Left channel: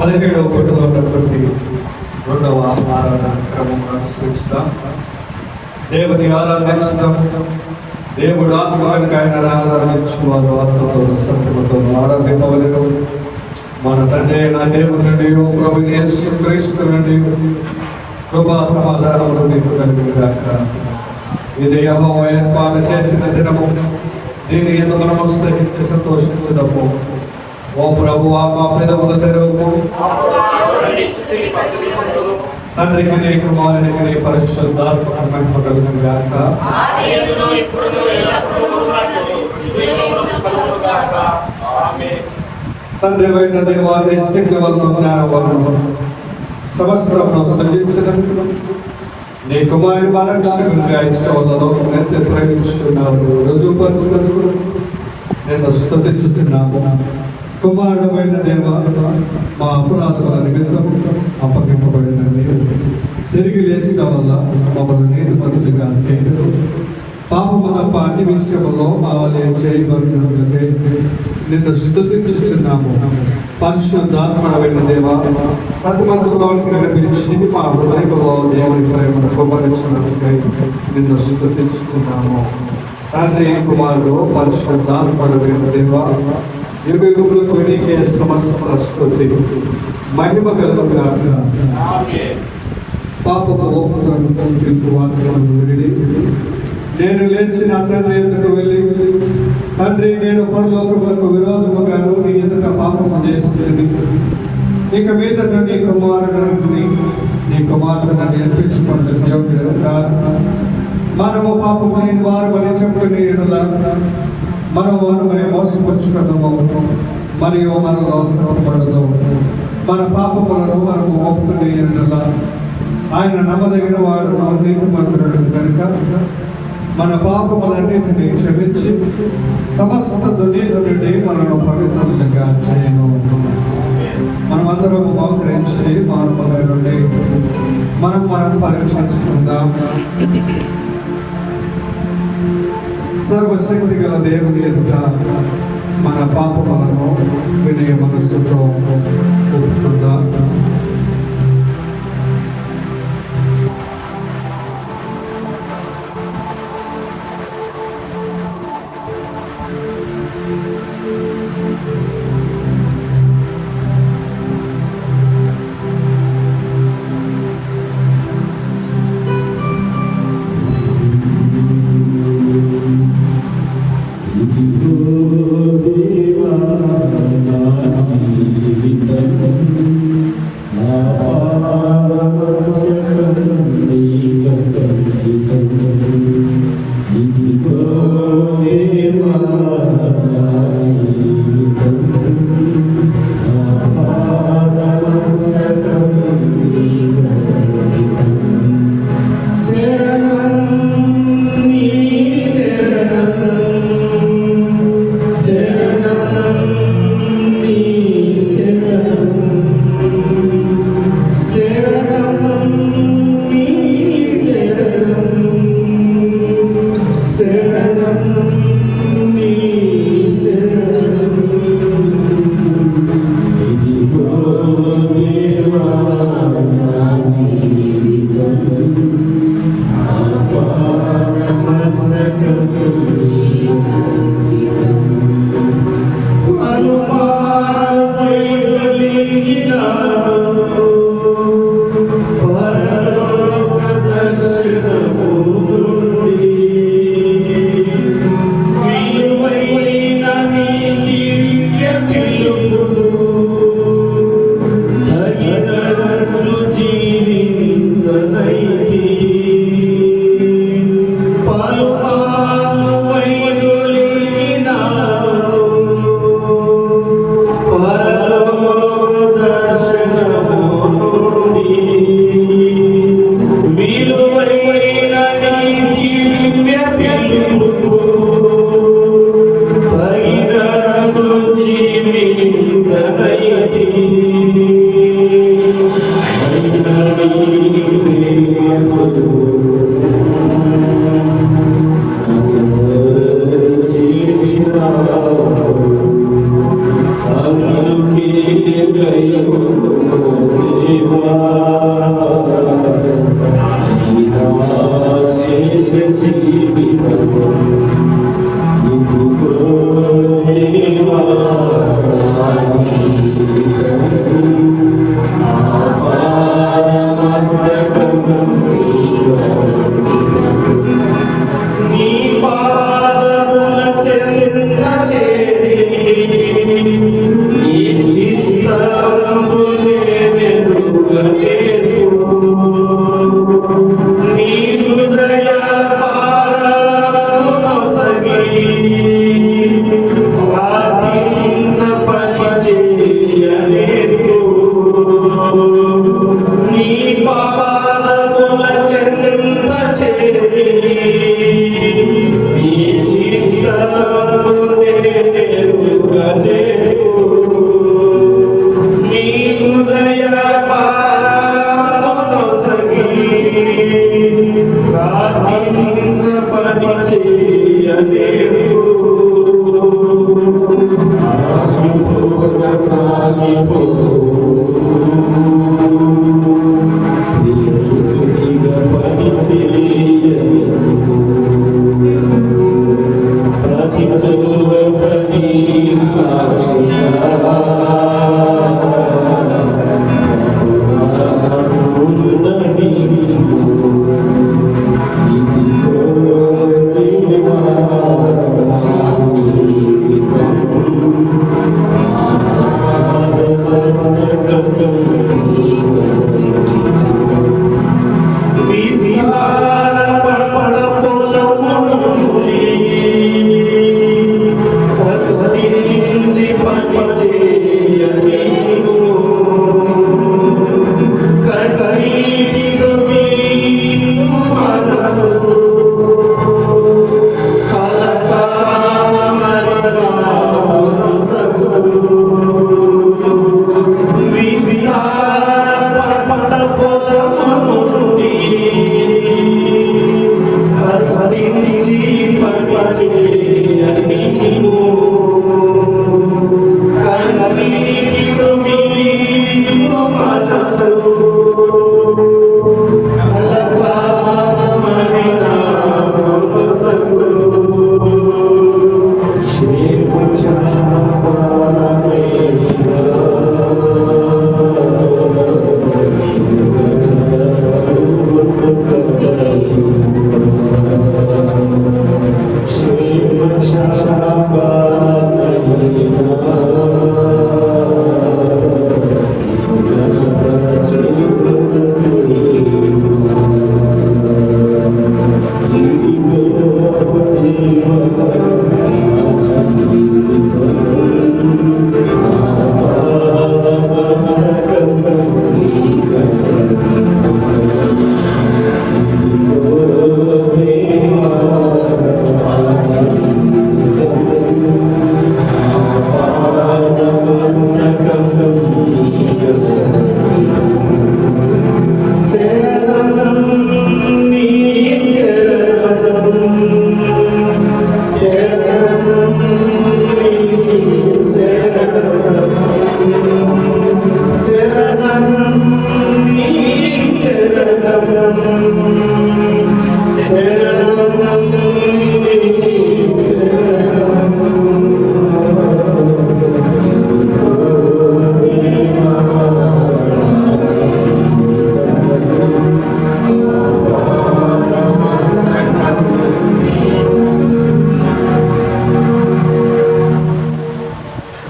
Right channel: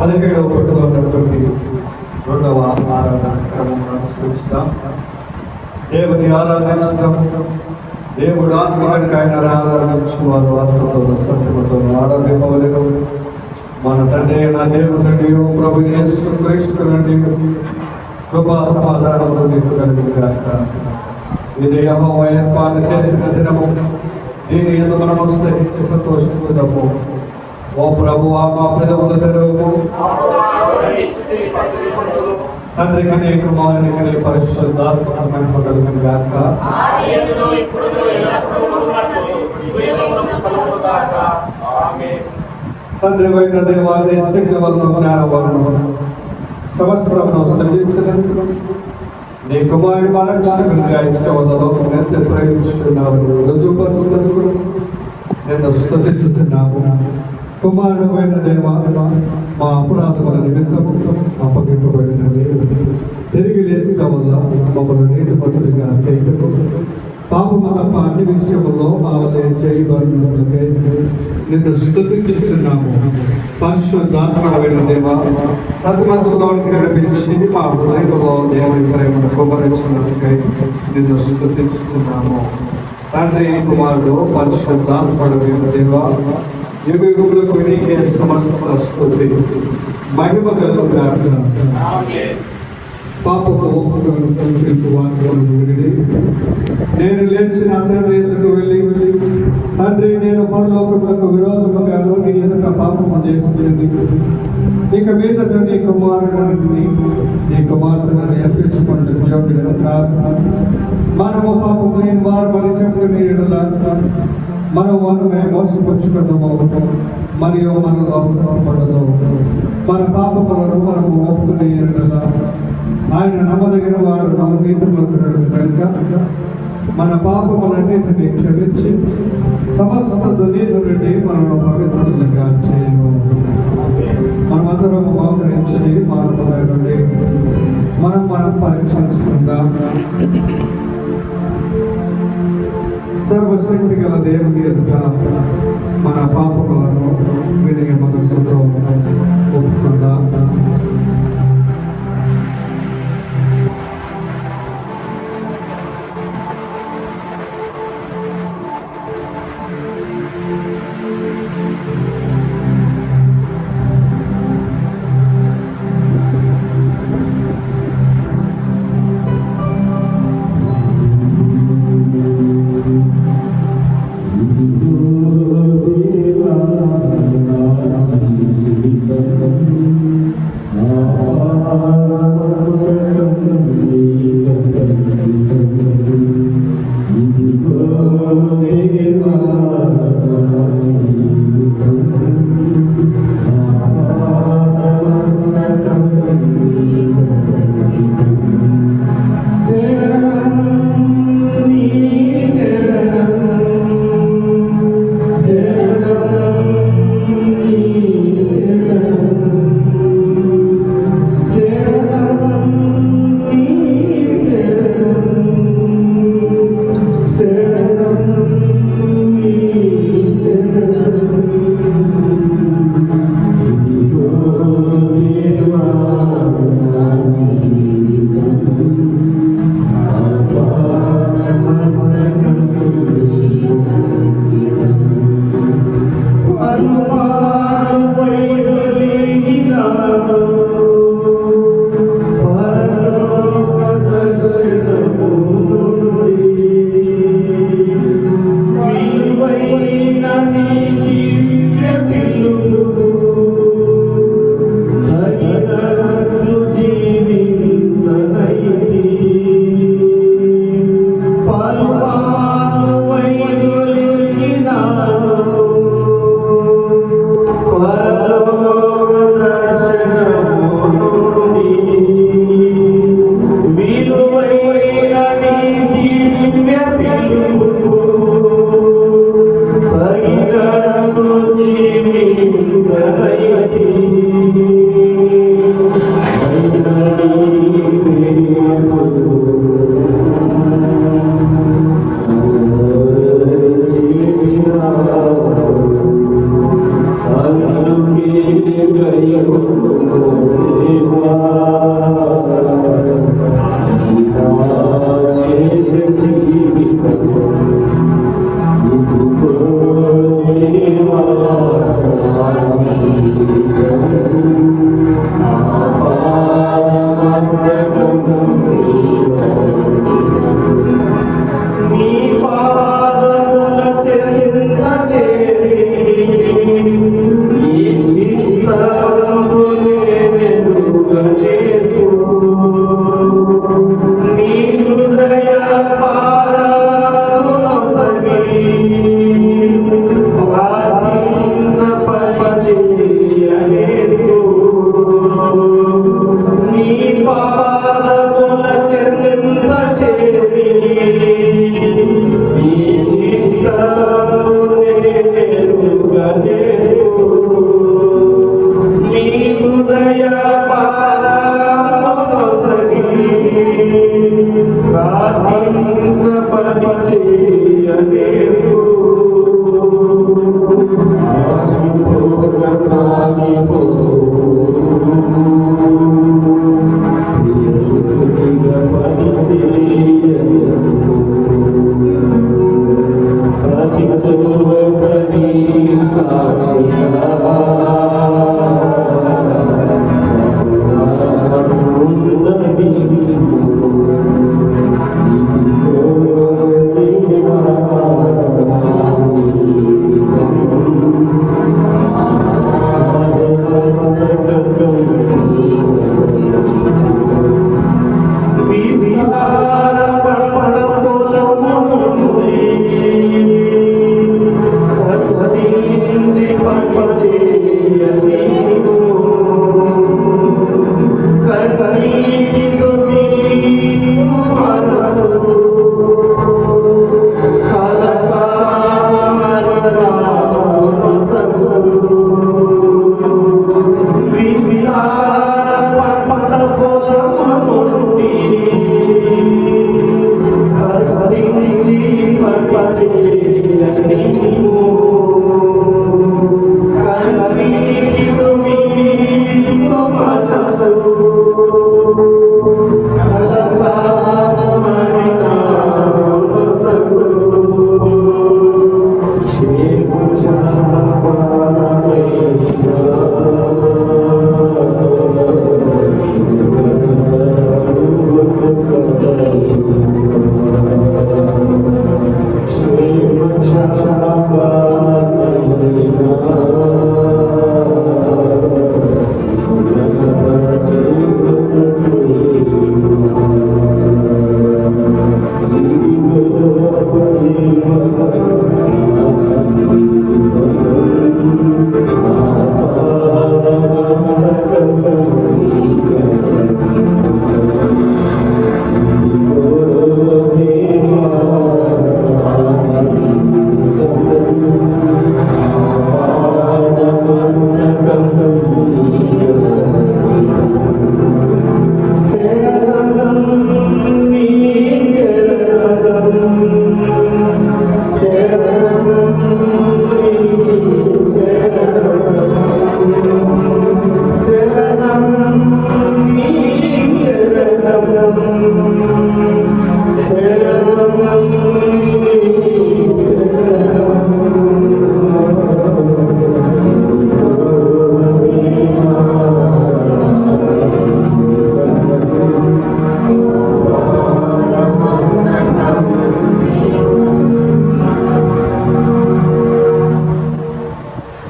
17వ పుట్టులో ఉన్నటువంటి 2వ ఆరాధన క్రమం అనుసరిస్తాం. దేవుని ఆరాధించడం, దేవుడు ఆత్మకంగా ఆయన ఆరాధించువారు ఆత్మతో సత్యమతో ఆరాధింపవలెను. మన తండ్రి అయిన దేవుని నుండి ప్రభు యేసు క్రీస్తు నుండి కృపా సమాధానములు మీకు కలుగుగాక. ఇది యెహోవా ఏర్పాటు చేసిన దినము, దీని యందు మనము స్థితించి సంతోషించుదాము. ఓ ప్రభువా, మా పెదవుల తెరువు. తండ్రికి నీ కుమారునికి నీ పరిశుద్ధాత్మక మహిమ కలుగుగాక. తండ్రి అయిన దేవాన్ని శక్తివంతం జ్ఞానవంతం సంవత్సరంలో సృజించినట్లు నీ కుమారుని మా రక్షకునిగా ఇష్టవలను ఎంత ప్రేమిస్తున్నారు రుజువుపరుచినందుకు నేను స్తుతించుతున్నాను. కుమారుడు అయిన దేవా, మా అపరాధముల నిమిత్తం అప్పగింపబడిన నీవు తిరిగి లేచిన వల్ల మమ్మల్ని నీతిమంతులుగా చేయటకు, పాపము తప్ప అన్ని విషయములో మా వల్లే చేయబడినట్లకే నిన్ను స్తుతించుచున్నాము. పరిశుద్ధాత్మమైన దేవా, సత్మంతుల్లో నడిపించి మా హృదయంలో దేవుడి ప్రేమను కుమ్మరించినట్లకై నిన్ను స్తుతించుచున్నాము. తండ్రి, కుమారుడు, పరిశుద్ధాత్మమైన దేవా, యుగములకు నీకే సమస్త స్తుతి మహిమ కలుగుగాక. పాపపు ఒప్పుకొను వాక్యమును విని నేను లేచి నా తండ్రి ఎదుటకు వెళ్ళి, తండ్రి, నేను పరలోకములకు విరోధముగాను నీ ఎదుట పాపము చేస్తుంది. ఇక మీదట నీ కుమారుడిని నీ కుమార్తెను నేర్పించుకున్న యోగ్యుడు కాదు. మనము పాపము లేని వారమని చెప్పుకునే ఎడల మనమే మోసపుచ్చుకున్నాము, మరియు మనలో శ్రమపడదు. మన పాపములను మనము ఒప్పుకునే ఎడల ఆయన నమ్మదగిన వాడు, నీతిమంతుడు కనుక మన పాపములన్నిటినీ క్షమించి సమస్త దుర్నీతి నుండి మనను పవిత్రులుగా చేయను. మనమందరం మోకరించి మానవుల నుండి మనం పరీక్షించుకుందాం. సర్వశక్తి గల దేవుని ఎదుట మన పాపములను వినయ మనస్సుతో ఒప్పుకుందాం. దేవా నా జీవితం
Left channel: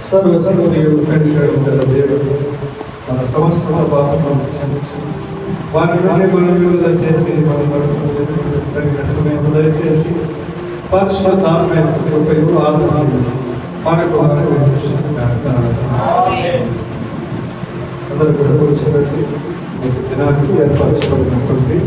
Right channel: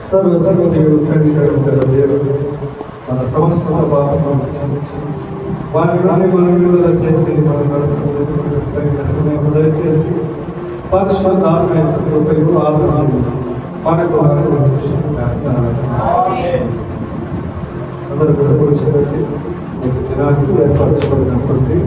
సర్వసర్వదేవుడు కనికరము దేవుడు మన సమస్త పాపములను క్షమించి వారిని విడుదల చేసి మన సమయం దయచేసి పరిశుద్ధాత్మైన కృపయు ఆదరణ మనకు అందరూ కూడా కూర్చున్నట్టు దినానికి ఏర్పరచబడినటువంటి